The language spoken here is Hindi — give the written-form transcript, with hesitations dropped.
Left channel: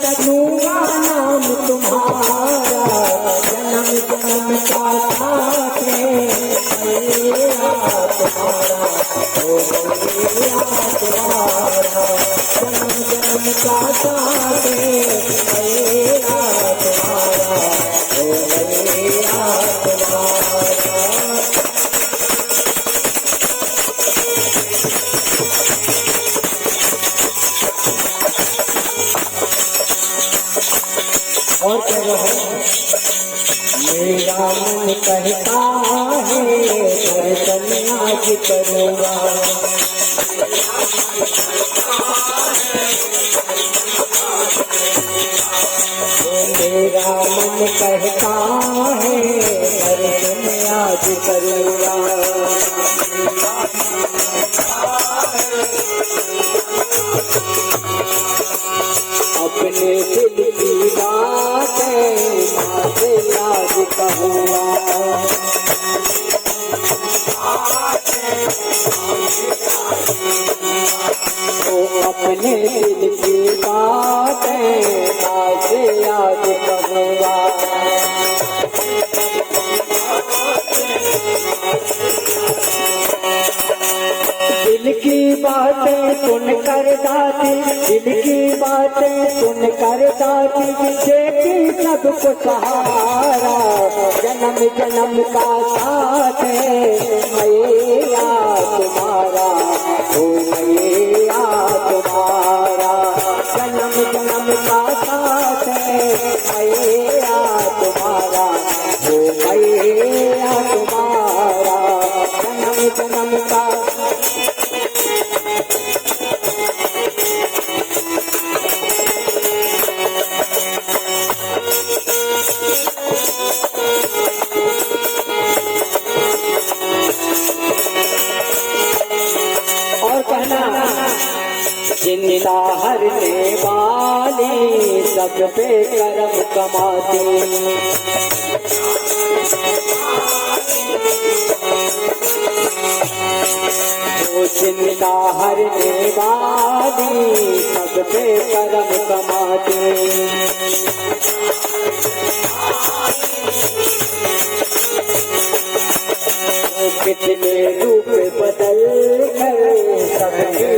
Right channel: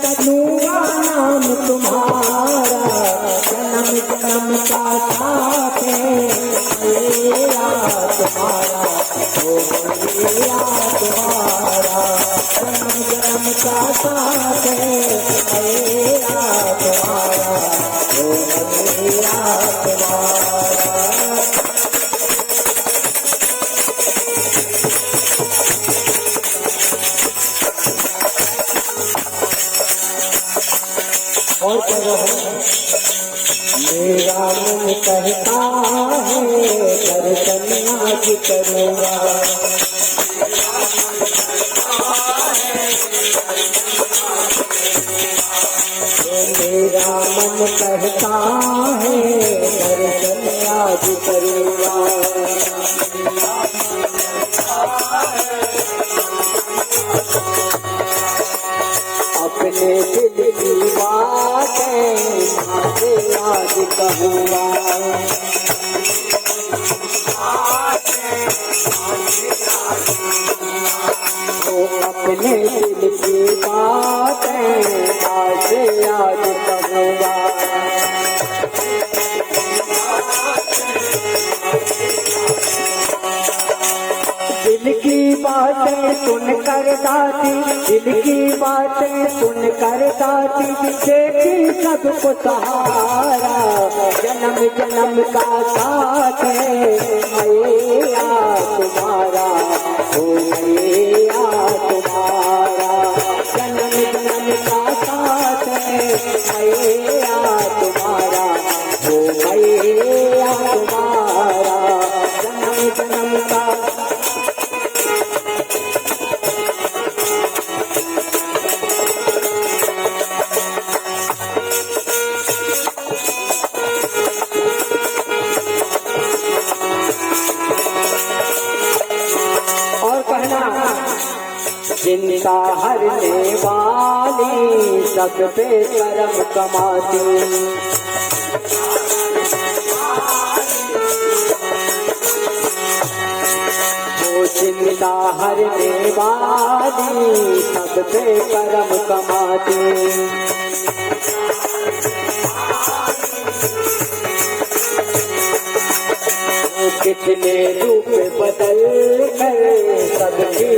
कठुआ नाम तुम्हारा, जन्म जन्म का साथ है मेरा तुम्हारा, ओ मैया तुम्हारा, जन्म जन्म का साथ है मेरा तुम्हारा, ओ मैया तुम्हारा। और कहो मेरा मन कहता है दर्शन आज करूँगा, मेरा मन कहता है दर्शन आज करूँगा, अपने दिल की बातें माँ से याद कहूँगा, अपने दिल की बातें माँ से याद कहूँगा, दिल की बातें सुन कर दाती, दिल की बातें सुन कर दाती, देखी सबको सहारा, जन्म जन्म का साथ है मैया तुम्हारा, ओ मैया तुम्हारा, जन्म जन्म का साथ है मैया तुम्हारा, ओ मैया तुम्हारा, जन्म जन्म का। चिंता हरने वाली सब पे करम कमाती, वो चिंता हरने वाली सब पे करम कमाती, कितने रूप बदल कर सबकी